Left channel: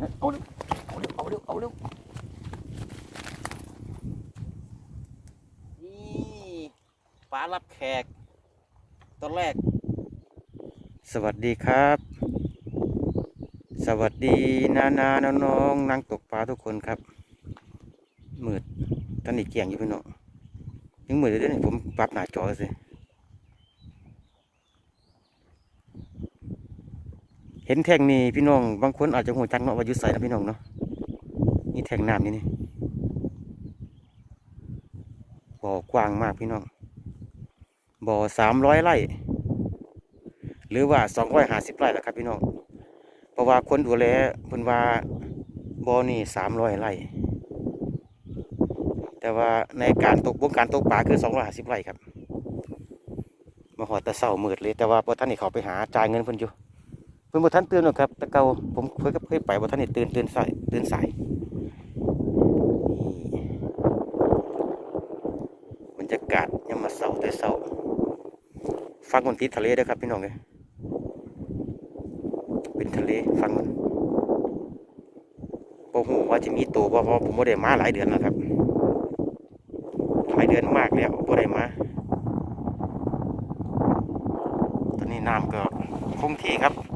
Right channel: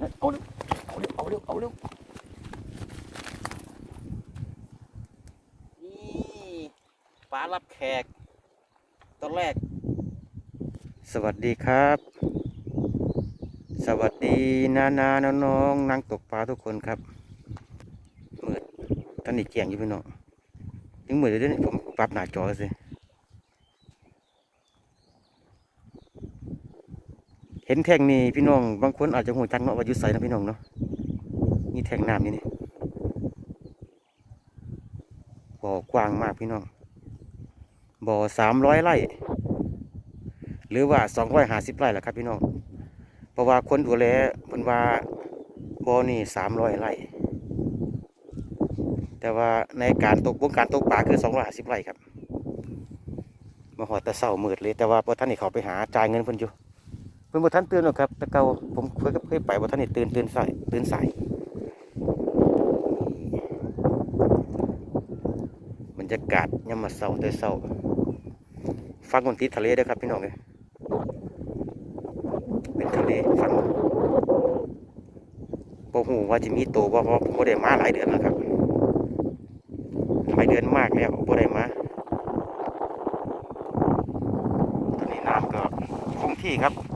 นั่นะเอาเร็วเอาเร็วเอาเร็วเอาเร็วนี่ปลารับแขกตอนแรก สวัสดีครับ สวัสดีนานาน้องน้องๆนังตกปลาทุกคนครับมืดตอนนี้เกี่ยงอยู่พี่น้องยังมืดเลยเด้อนี่ผมปรับหน้าจอสิ เห็นแท่งนี้พี่น้องบางคนอาจจะหัวจักเนาะว่ายุใสนะพี่น้องเนาะนี่แท่งน้ำนี่นี่บ่อกว้างมากพี่น้องบ่อสามร้อยไร่หรือว่าสองร้อยห้าสิบไร่แหละครับพี่น้องเพราะว่าคนดูแลเพิ่นว่าบ่อนี่สามร้อยไร่แต่ว่าในการตกวงการตกปลาคือสองร้อยห้าสิบไร่ครับมาหอดตะเสาหมืดเลยแต่ว่าพอท่านนี่เขาไปหาจ่ายเงินเพิ่นอยู่ เพิ่นบ่ทันตื่นหรอกครับแต่เก่าผมเคยกับเคยไปบ่ทันนี่ตื่นตื่นสายตื่นสายบรรยากาศยามมาเสาแต่เสาฟังมันติดทะเลด้อครับพี่น้องเอ้ยเป็นทะเลฟังโปหูว่าจะมีตัวบ่เพราะผมบ่ได้มาหลายเดือนแล้วครับหลายเดือนมากแล้วบ่ได้มาตอนนี้น้ำก็คงที่ครับ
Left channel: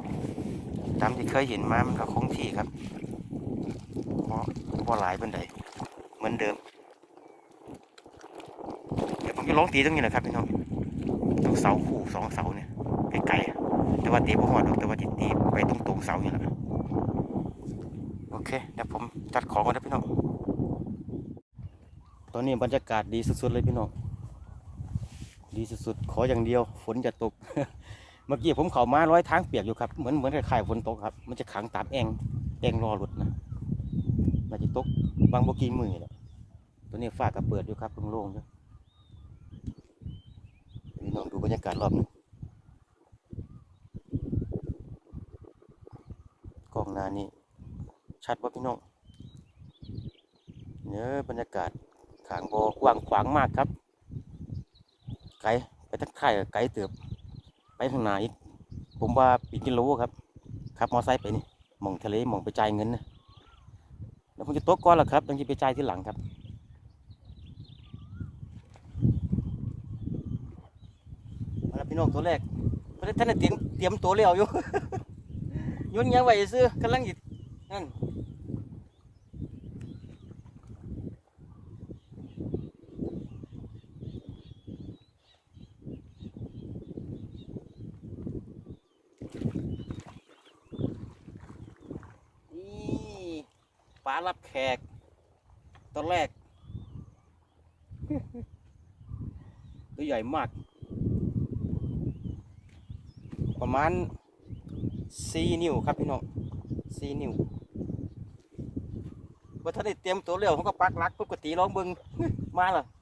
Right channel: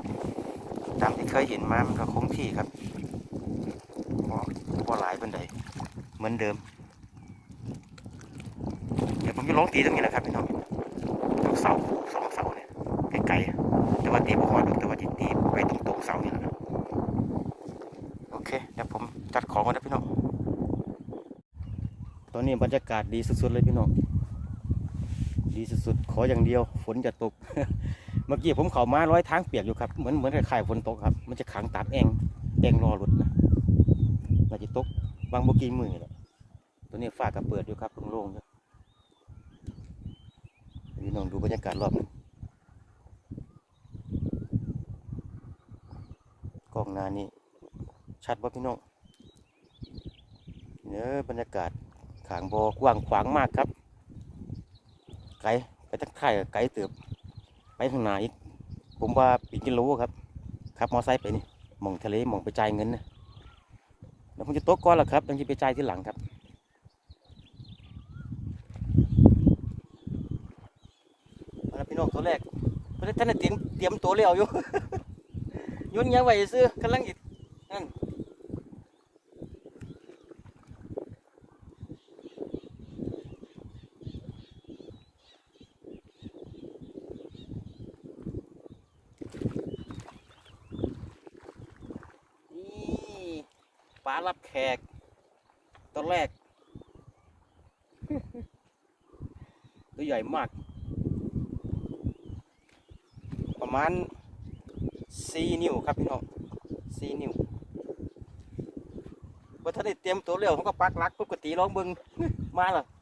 ตามที่เคยเห็นมามันก็คงที่ครับบ่บ่หลายเป็นใดเหมือนเดิม เดี๋ยวผมจะลองตีตรงนี้แหละครับพี่น้องตรงเสาคู่สองเสาเนี่ยไกลๆแต่ว่าตีบ่หอดแต่ว่าตีตีไปตรงตรงๆเสานี่แหละโอเคเดี๋ยวผมจัดของก่อนนะพี่น้องตอนนี้บรรยากาศดีสุดๆเลยพี่น้อง ดีสุดๆ ขออย่างเดียว ฝนจะตก เมื่อกี้ผมเข่ามาร้อยทางเปียกอยู่ครับ เหมือนเหมือนคล้ายๆฝนตกครับ มันจะขังตามแองแองรอหลุดนะน่าจะตกบางบกีมือแหละตัวนี้ฝ้าก็เปิดอยู่ครับโล่งๆอยู่พี่น้องดูบรรยากาศรอบนึงกล้องนานี่ชัดว่าพี่น้องเนี่ยบรรยากาศขางบอกว้างขวางมากครับ ไกลไปทักทายไกลเติบ ไปทางหนผมว่าปีกิโลครับขับมอไซค์ไปนี่มองทะเลมองไปจ่ายเงินนะแล้วผมจะโต๊ะก่อนละครับต้องจะไปจ่ายที่หลังครับมาแล้วพี่น้องตัวแรกเพราะท่านเตรียมเตรียมตัวเลี้ยวอยู่ยุ่นยังไหวซื้อกำลังหยิบนั่นปลารับแขกตอนแรก ตัวใหญ่มาก ประมาณสี่นิ้วครับพี่น้องสี่นิ้วว่าถ้าได้เตรียมตัวเร็วเขาก็ปักลักปกติลองเบิงมาและโ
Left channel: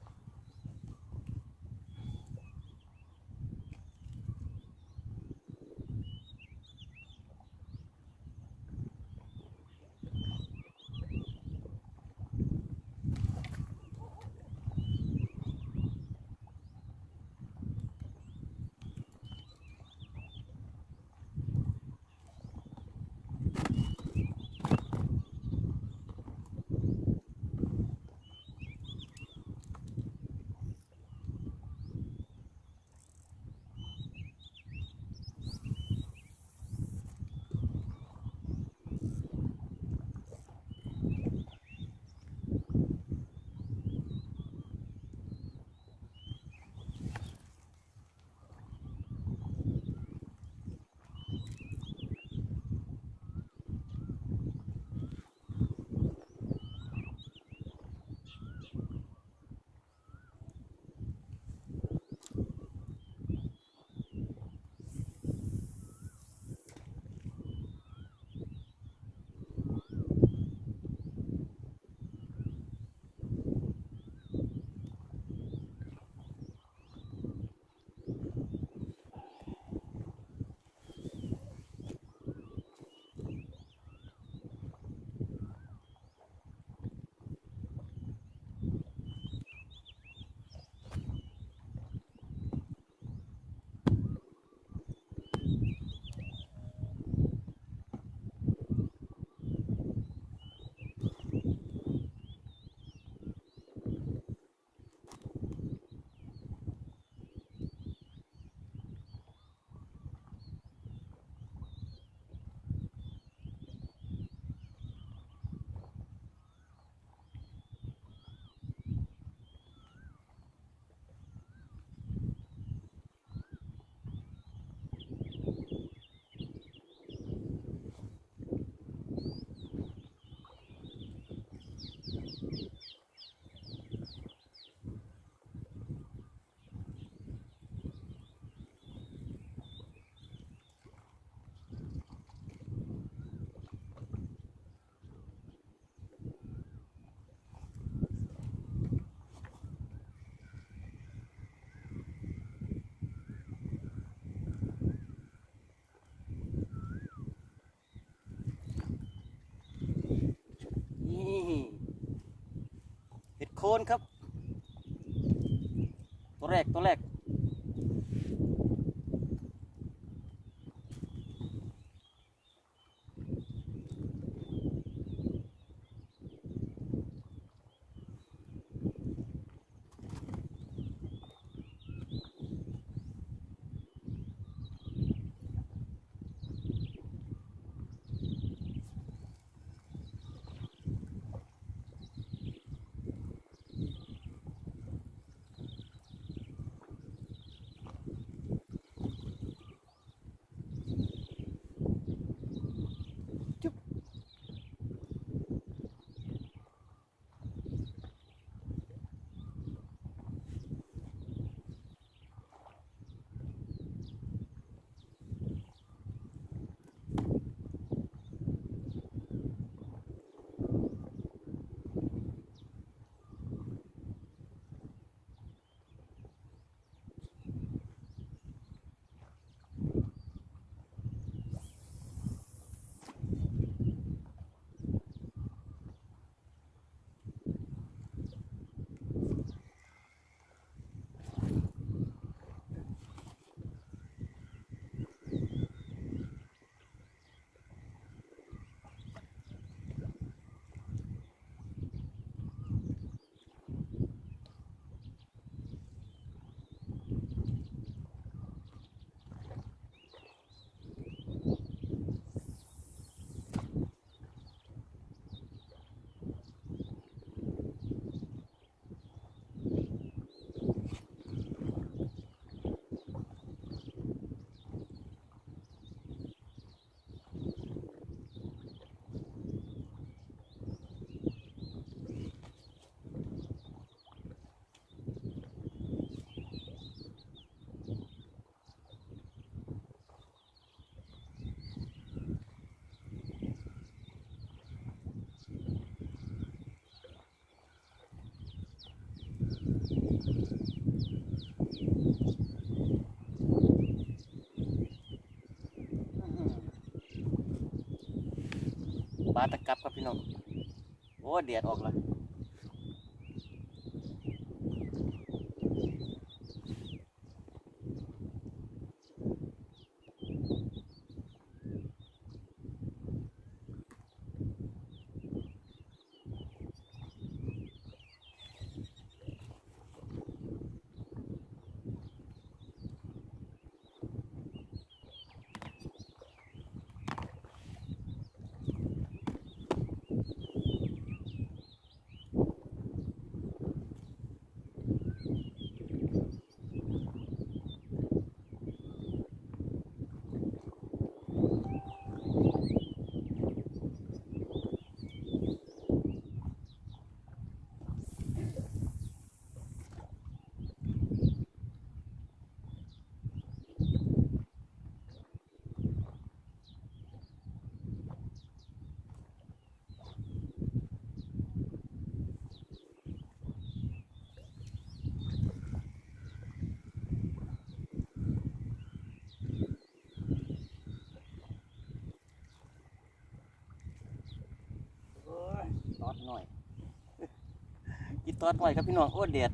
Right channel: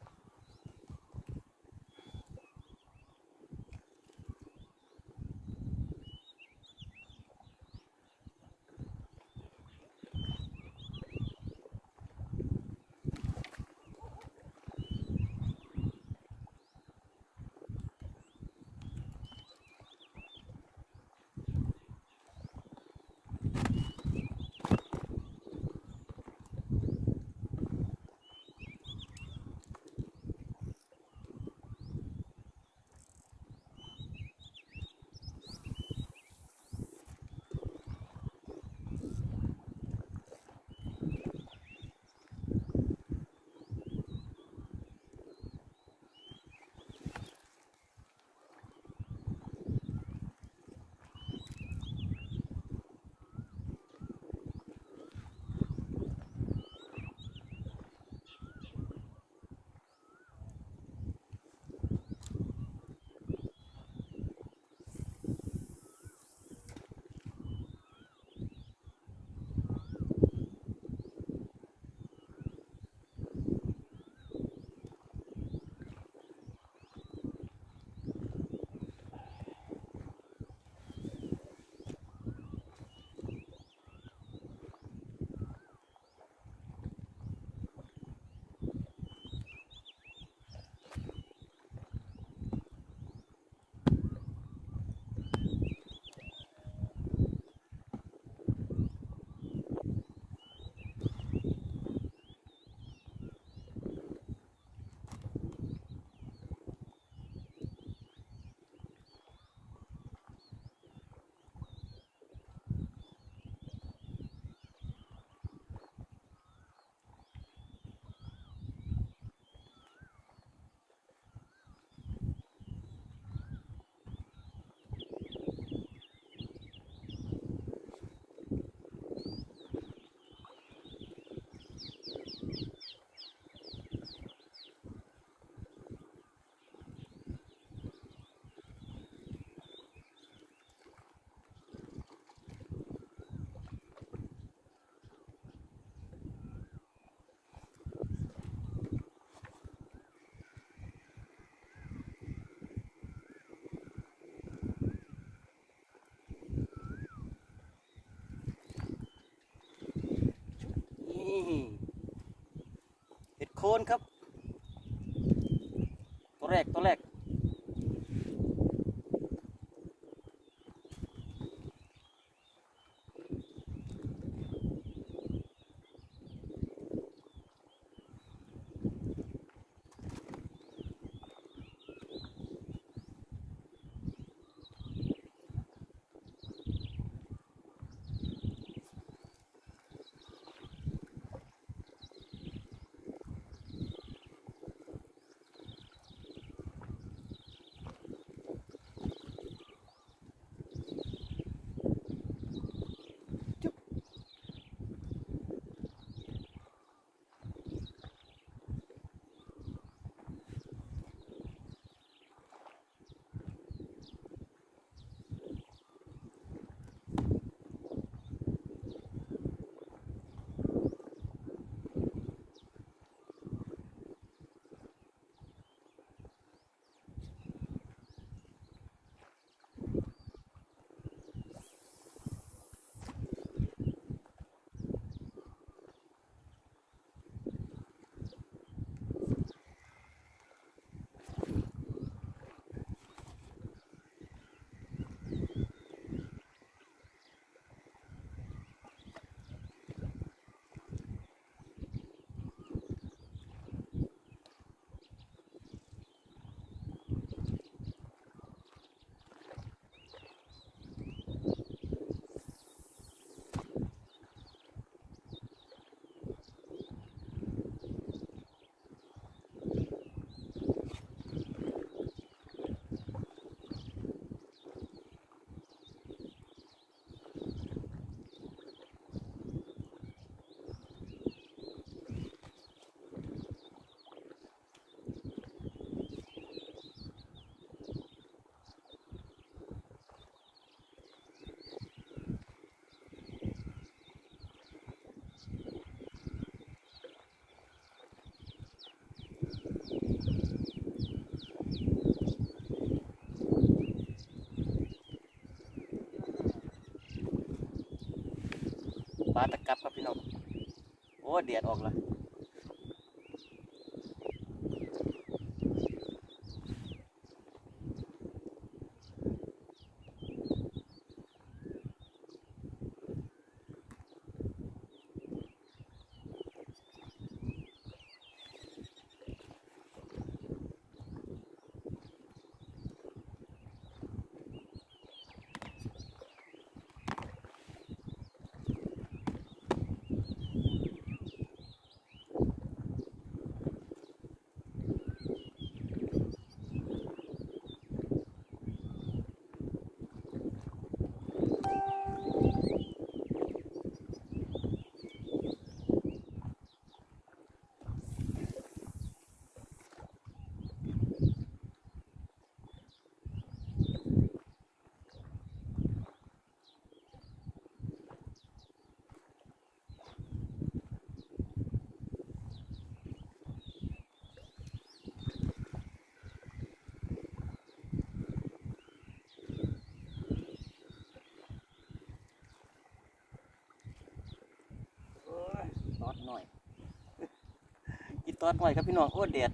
นครับ ตัวแรกตัวแรก ปลาตะกับครับพี่น้อง โอ้เดียดออกละ หน่อย กินตอดหน่อยครับพี่น้องโอ้เดีย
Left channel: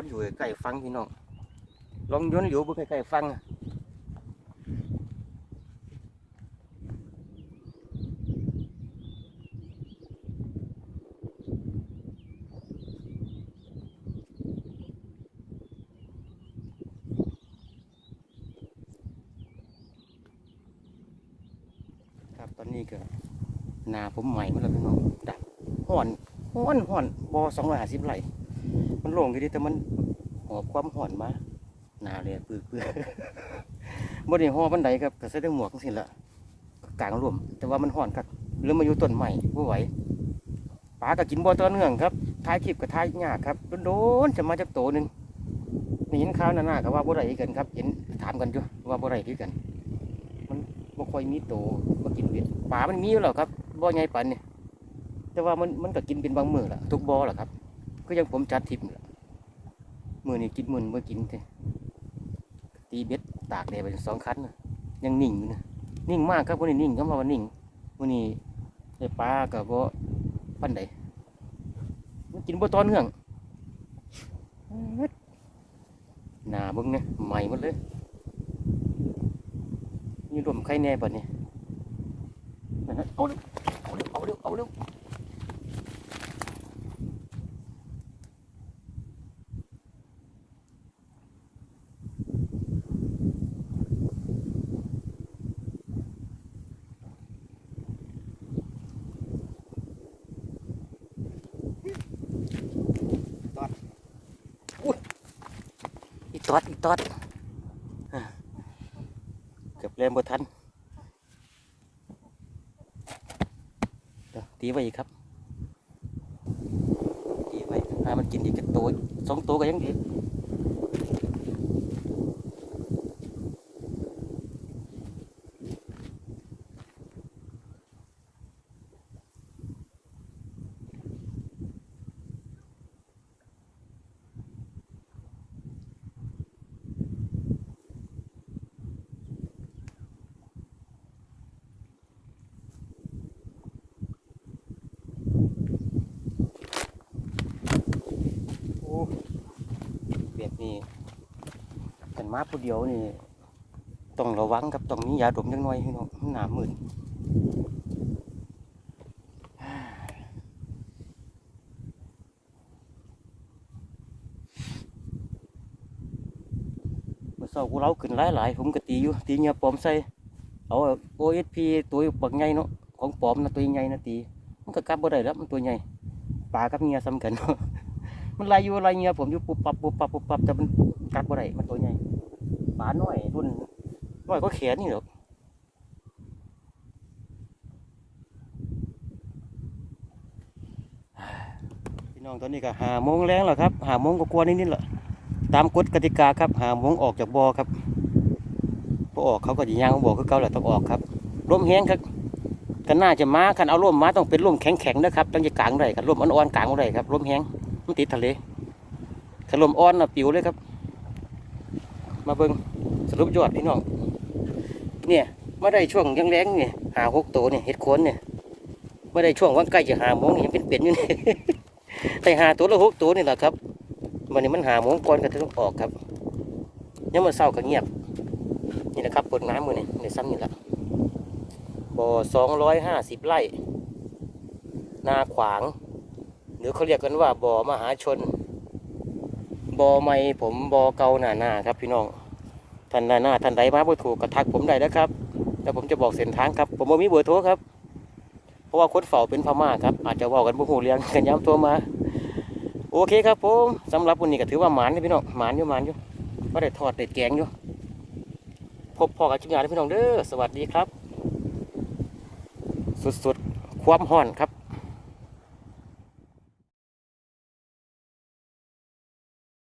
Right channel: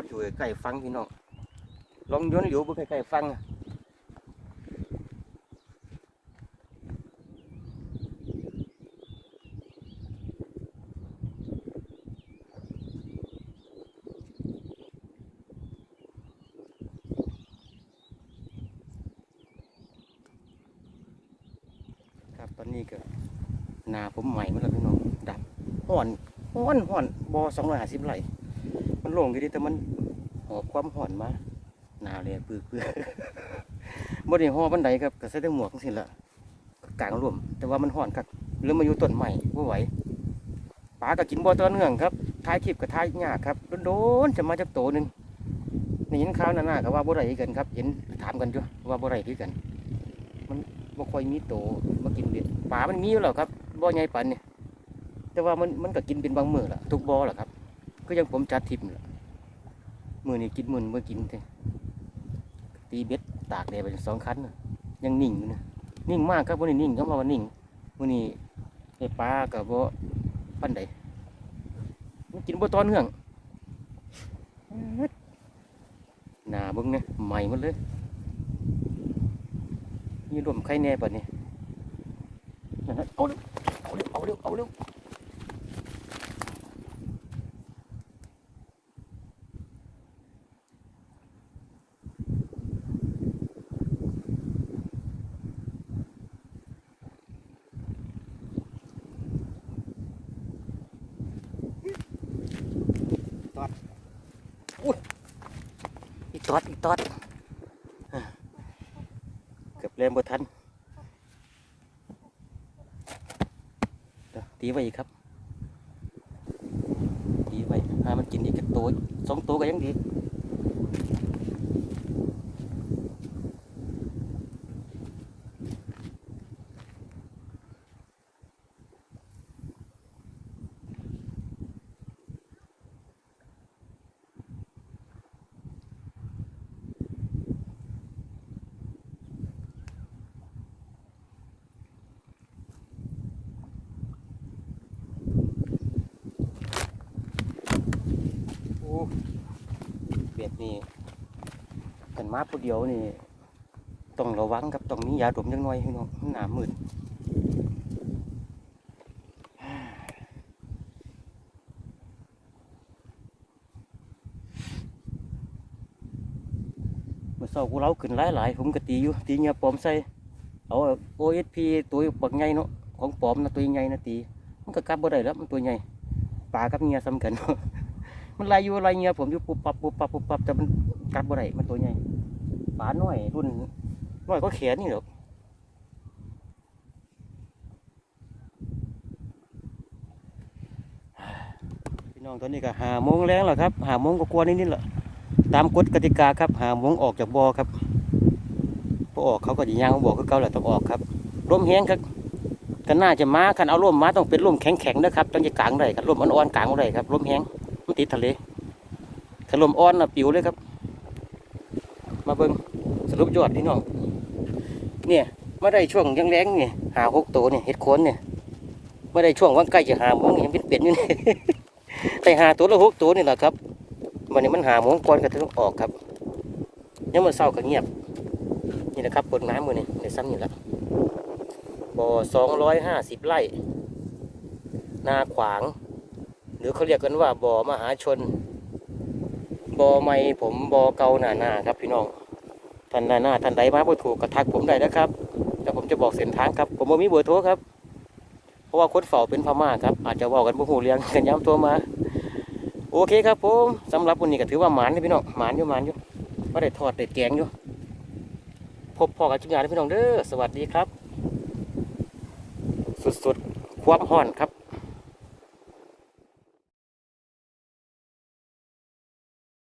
ดอยู่ใกล้ฟังพี่น้อง ลองโย้อนอยู่เบิ่งใกล้ๆฟังอะครับตอนนี้ก็นาผมใหม่มาแล้วพี่น้องดับห่อนห่อนห่อนบอสองร้อยห้าสิบไร่ มันโล่งอยู่ดีแต่มันหอบความห่อนมาหนาวเลยปื้อเปื้อบ่ได้ห่อบันไดครับก็ใส่ได้หมวกจังซี่ละก็กลางร่วม แต่ว่ามันห่อนคักเริ่มมาอยู่ต้นใหม่บ่ไหวปลาก็กินบ่ต่อเนื่องครับถ่ายคลิปก็ถ่ายยากครับโดนๆจะมาจักโตหนึงนี่เห็นข่าวหน้าๆก็ว่าบ่ได้คือกันครับ เห็นถามกันอยู่ว่าบ่ได้คือกัน มันบ่ค่อยมีโตมากินเบ็ดปลามันมีอยู่แล้วครับบ่ใหญ่ปานเนี่ยแต่ว่ามันมันก็กินเป็นบางมื้อล่ะทุกบ่ล่ะครับ ก็ยังผมจัดทริปนี่ล่ะมื้อนี้กินมือนี้บ่กินเด้ตีเบ็ดตากแดดไปสองคันยังนิ่งอยู่นี่นิ่งมากครับวันนี้นิ่งคำว่านิ่งวันนี้ได้ปลากับบ่าปั้นใดมันกินบ่ตอนเนื่องหนาบิ่งเนี่ยใหม่หมดเลยมีรวมไข่แน่บัดนี้นั่นน่ะเอาเร็วเอาเร็วเอาเร็วเอาเร็ว ตอดอีตอดเกือบเล่นบทันตีไว้อีกครับตีไว้ามันกินอีกแค่ตัวสองตัวก็ยังดี อ้แบบนี้กันมาผู้เดียวนี่ต้องระวังกับต้องมียาดมจังหน่อยพี่น้องหนามืดเมื่อเช้ากูเล้าขึ้นหลายหลายๆผมก็ตีอยู่ตีเงียปอมใส่เอา OSP ตัวบักใหญ่เนาะของปอมนะตัวใหญ่นะตีมันก็กลับบ่ได้แล้วมันตัวใหญ่ปลากับเงียซ้ำกัน มันลายอยู่ลายเงียผมอยู่ปุบปับปุบปับปุบปับแต่มันกลับบ่ได้มันตัวใหญ่ปลาน้อยรุ่นน้อยก็แขนนี่หรอกพี่น้องตอนนี้ก็หาโมงแรงแล้วครับหาโมงก็กลัวนิดนิดๆละตามกฎกติกาครับหาโมงออกจากบ่อครับพอออกเขาก็จะย่างบ่อคือเก่าแหละต้องออกครับร่มแห้งครับกันน่าจะมาคันเอาร่มมาต้องเป็นร่มแข็งๆนะครับต้องจะกลางได้ครับร่มอ่อนๆกลางได้ครับร่มแห้ง มันติดทะเลขลมอ่อนนะปิวเลยครับ มาเบิงสรุปยอดพี่น้องเนี่ยไม่ได้ช่วงยังแรงเนี่ยหาหกตัวเนี่ยเห็ดโคนเนี่ยไม่ได้ช่วงว่างใกล้จะหาโมงนี่ยังเป็นเป็ดอยู่เนี่ยแต่หาตัวละหกตัวนี่แหละครับวันนี้มันหาโมงก่อนก็ถึงออกครับยังมาเศร้าก็เงียบ นี่แหละครับปิดน้ำมือนี่ในซ้ำนี่แหละบ่อสองร้อยห้าสิบไร่นาขวาง หรือเขาเรียกกันว่าบ่อมหาชนบอไม่ผมบอเกาหน้าหน้าครับพี่น้องท่านหน้าหน้าท่านใดมาบ่ถูกกระทักผมได้นะครับแล้วผมจะบอกเส้นทางครับ ผมบ่มีเบอร์โทรครับ เพราะว่าคนเฝ้าเป็นพม่าครับ อาจจะว่ากันบ่ฮู้เรื่องกันย้ำโทรมา โอเคครับผมสำหรับวันนี้ก็ถือว่าหมานนะพี่น้องหมานอยู่หมานอยู่ว่าได้ทอดได้แกงอยู่พบพ่อกับชิ้นงานพี่น้องเด้อสวัสดีครับ สุดๆความห่อนครับ